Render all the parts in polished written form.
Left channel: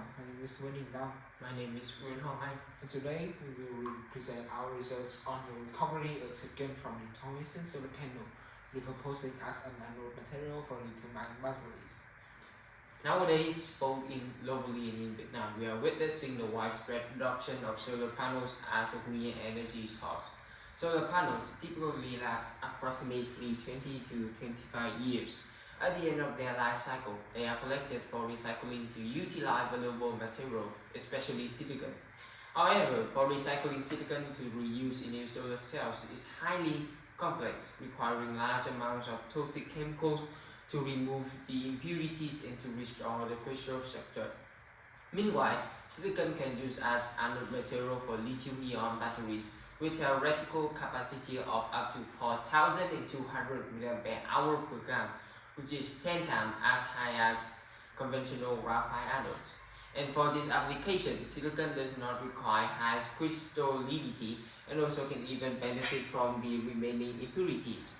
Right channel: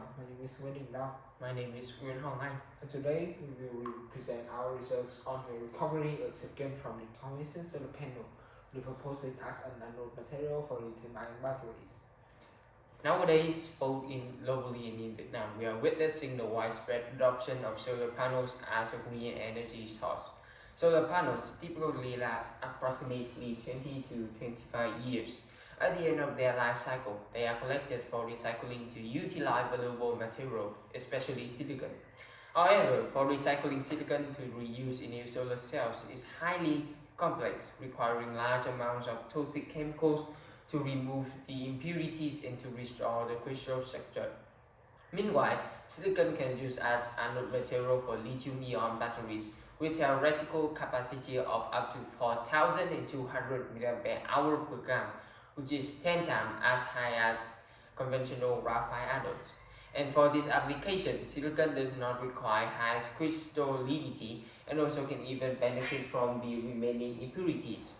My name is Wendy Dong. My name is Nguyễn Hoàng Anh. And today we will present our results on the recovery of silicon from decommissioned solar panel, repurposing as an anode material for lithium-ion batteries. Nowadays, both globally and in Vietnam, we are witnessing the widespread adoption of solar panels as a green energy source. Solar panels typically last approximately 20 to 25 years. At the end of their life cycle, they are collected for recycling to utilize valuable material, especially silicon. However, for recycling silicon to reuse in new solar cells is highly complex, requiring large amounts of toxic chemicals to remove the impurities and to restore the crystal structure. Meanwhile, silicon can use as anode material for lithium-ion batteries with theoretical capacity of up to 4,200 mAh per gram, which is 10 times as high as conventional graphite anodes. And for this application, silicon does not require high crystallization and also can even benefit from the remaining impurities.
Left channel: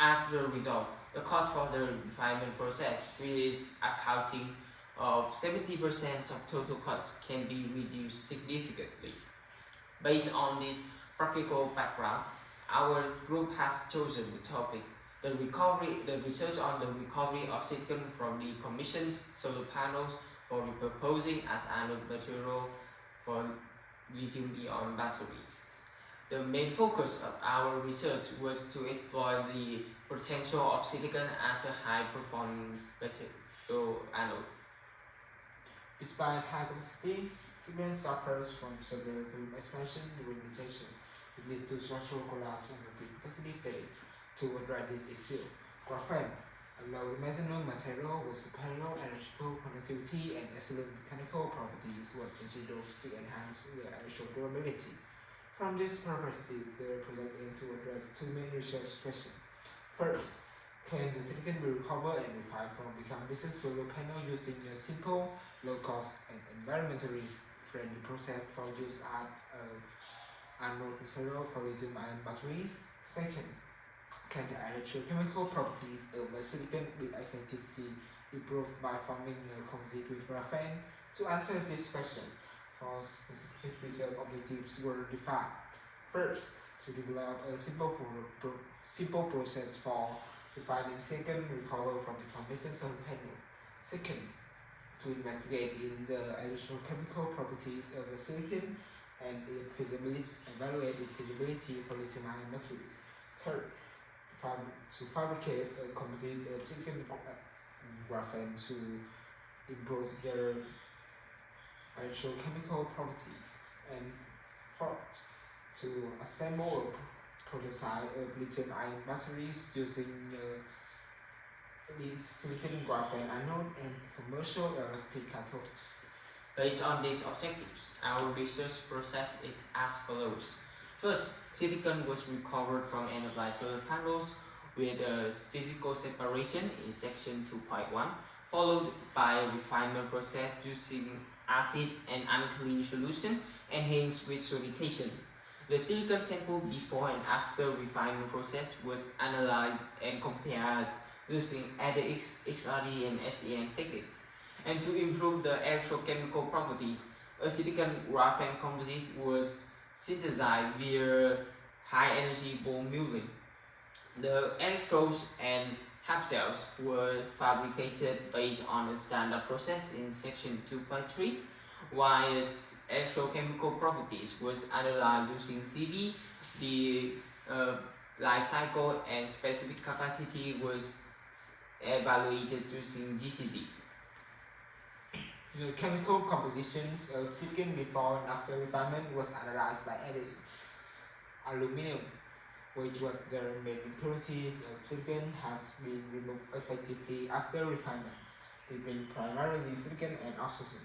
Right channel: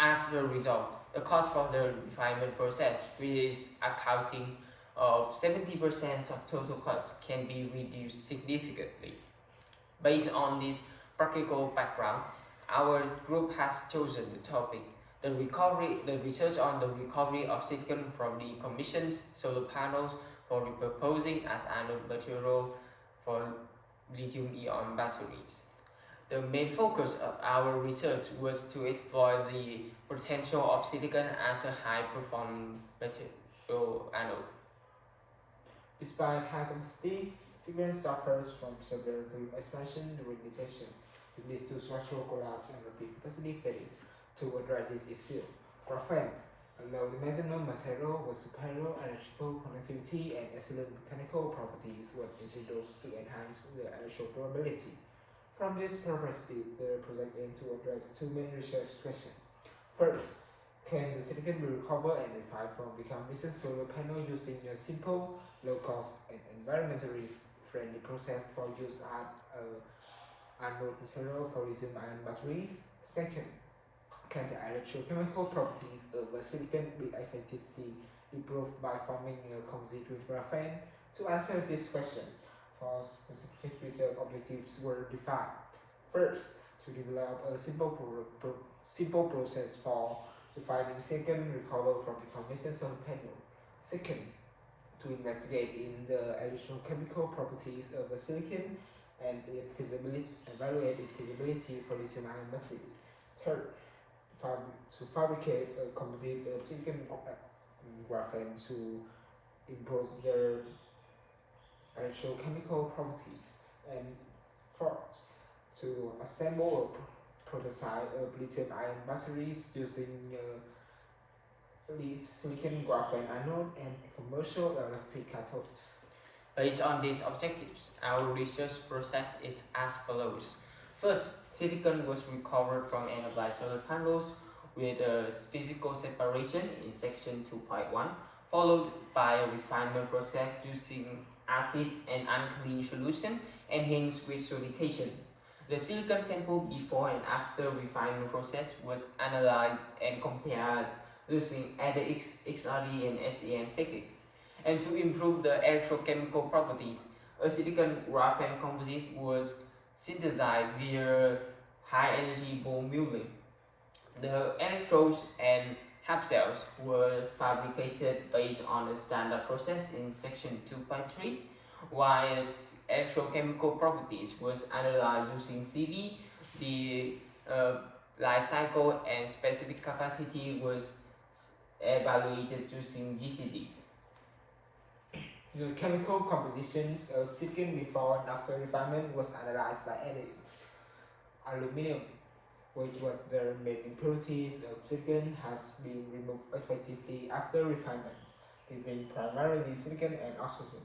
As a result, the cost for the refinement process, which is accounting of 70% of total cost, can be reduced significantly. Based on this practical background, our group has chosen the topic, the research on the recovery of silicon from decommissioned solar panels for repurposing as anode material for lithium-ion batteries. The main focus of our research was to explore the potential of silicon as a high-performing material anode. Despite high complexity, silicon suffers from severe volume expansion during rejection. It leads to structural collapse and rapid capacity failure. To address this issue, graphene, a low-dimensional material with superior electrical conductivity and excellent mechanical properties, was introduced to enhance the electrical durability. From this perspective, the project aims to address two main research questions. First, can the silicon be recovered and refined from decommissioned solar panel using a simple, low-cost, and environmentally friendly process for use as anode material for lithium-ion batteries? Second, can the electrochemical properties of the silicon be effectively improved by forming a composite with graphene? To answer this question, four specific research objectives were defined. First, to develop a simple process for refining silicon recovered from decommissioned solar panel. Second, to investigate in the electrochemical properties of the silicon and evaluate its feasibility for lithium-ion batteries. Third, to fabricate a composite of silicon and graphene to improve their electrochemical properties. And fourth, to assemble a prototype of lithium-ion batteries using silicon graphene anode and commercial LFP cathodes. Based on these objectives, our research process is as follows. First, silicon was recovered from end-of-life solar panels with a physical separation in section 2.1, followed by a refinement process using acid and alkaline solution, enhanced with sodification. The silicon sample before and after refinement process was analyzed and compared using ADX, XRD, and SEM techniques. And to improve the electrochemical properties, a silicon graphene composite was synthesized via high-energy ball milling. The electrodes and half cells were fabricated based on a standard process in section 2.3, while electrochemical properties was analyzed using CV. The life cycle and specific capacity was evaluated using GCD. The chemical compositions of silicon before and after refinement was analyzed by editing. Aluminum, which was the main impurities of silicon, has been removed effectively after refinement, leaving primarily silicon and oxygen.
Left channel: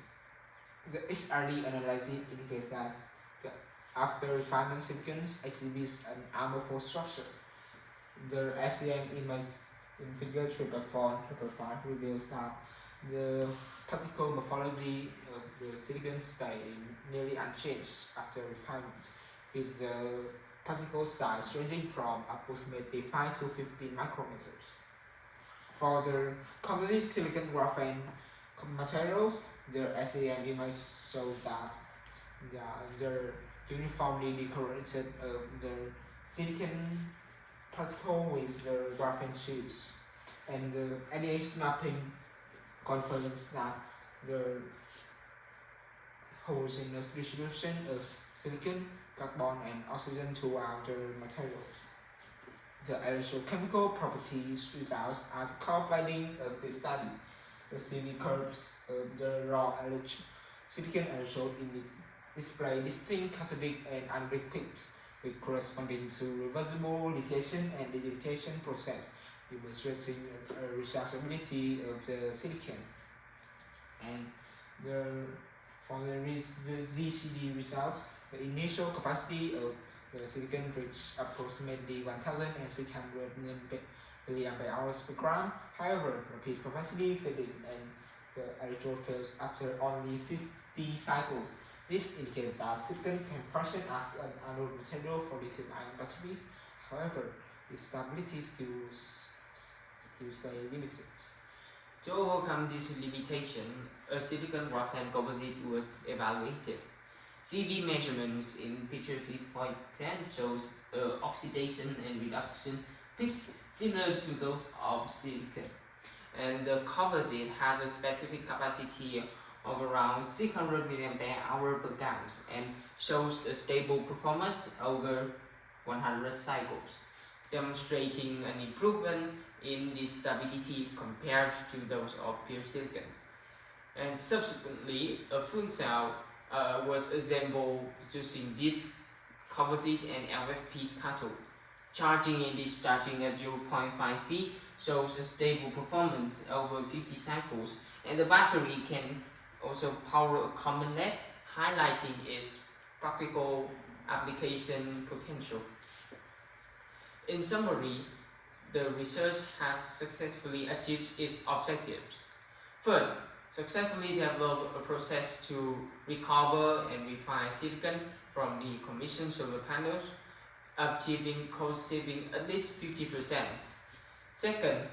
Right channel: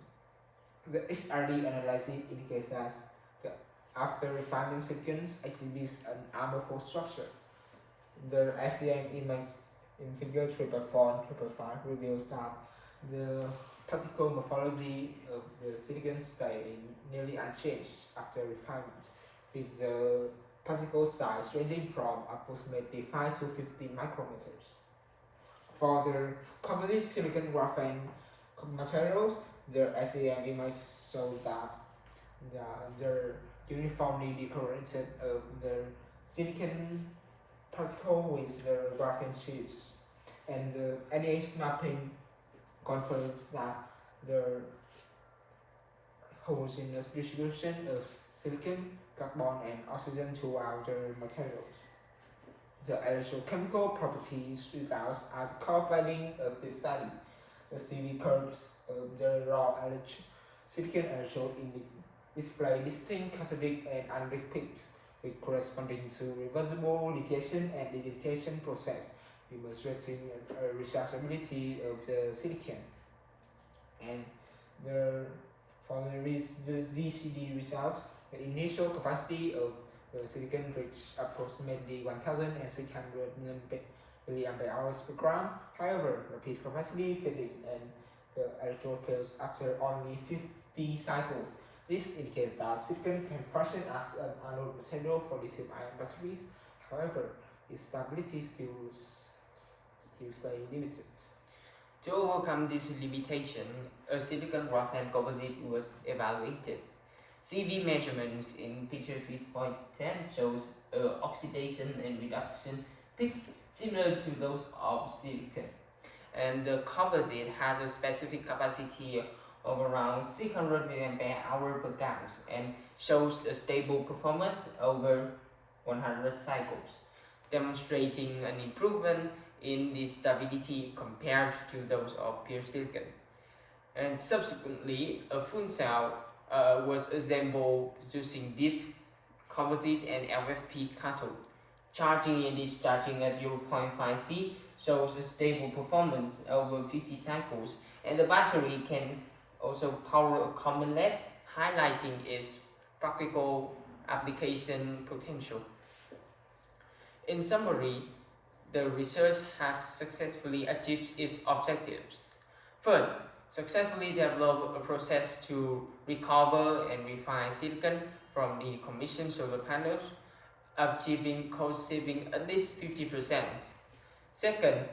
The XRD analysis indicates that the after refinement silicon exhibits an amorphous structure. The SEM image in figure 4.5 reveals that the particle morphology of the silicon stay nearly unchanged after refinement, with the particle size ranging from approximately 5 to 15 micrometers. For the composite silicon graphene materials, their SEM image shows that they're uniformly decorated of the silicon particle with the graphene chips, and the NAH mapping confirms that the homogeneous distribution of silicon, carbon, and oxygen throughout the materials. The electrochemical properties results are the core finding of this study. The CV curves of the raw silicon electrode display distinct cathodic and anodic peaks, with corresponding to reversible lithiation and deletion process, demonstrating a rechargeability of the silicon. And the for the ZCD results, the initial capacity of the silicon reached approximately 1,600 milliampere hours per gram. However, rapid capacity fading and the electrode fails after only 50 cycles. This indicates that silicon can function as an anode material for lithium-ion batteries. However, its stability still stay limited. To overcome this limitation, a silicon graphene composite was evaluated. CV measurements in picture 3.10 shows oxidation and reduction peaks similar to those of silicon. And the composite has a specific capacity of around 600 mAh per gram and shows a stable performance over 100 cycles, demonstrating an improvement in the stability compared to those of pure silicon. And subsequently, a fuel cell was assembled using this composite and LFP cathode. Charging and discharging at 0.5 C shows a stable performance over 50 cycles, and the battery can also power a common LED, highlighting its practical application potential. In summary, the research has successfully achieved its objectives. First, successfully develop a process to recover and refine silicon from the commissioned solar panels, achieving cost saving at least 50%. Second,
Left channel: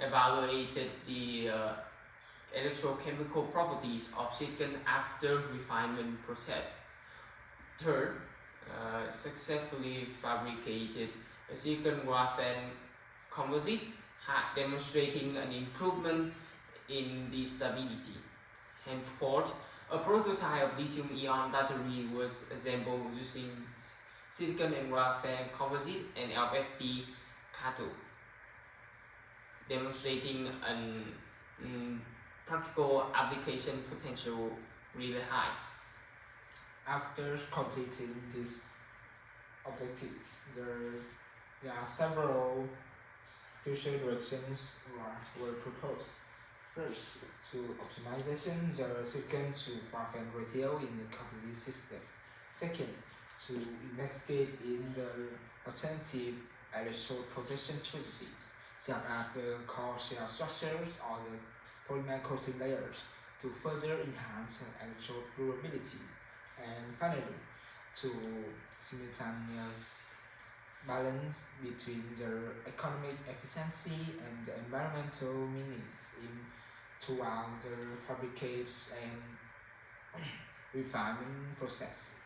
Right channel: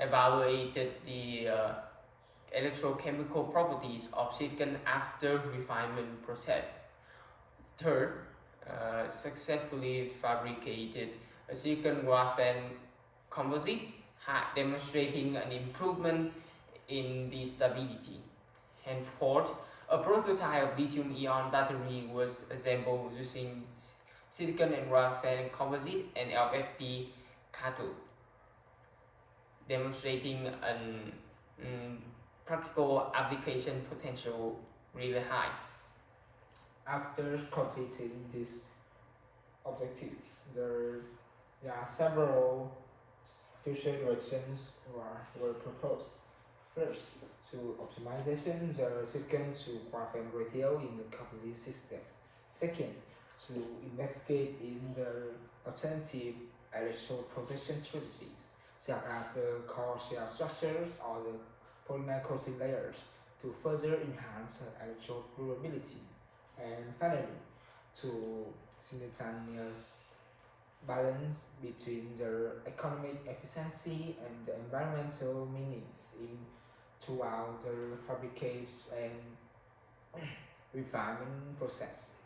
evaluated the electrochemical properties of silicon after refinement process. Third, successfully fabricated a silicon graphene composite, demonstrating an improvement in the stability. And fourth, a prototype of lithium-ion battery was assembled using silicon and graphene composite and LFP cathode, demonstrating an practical application potential really high. After completing these objectives, there are several future directions were proposed. First, to optimization the silicon to graphene ratio in the composite system. Second, to investigate in the alternative electrode protection strategies, such as the core shell structures or the polymer coating layers, to further enhance electrode durability. And finally, to simultaneous balance between the economic efficiency and the environmental meanings throughout the fabrication and refinement process.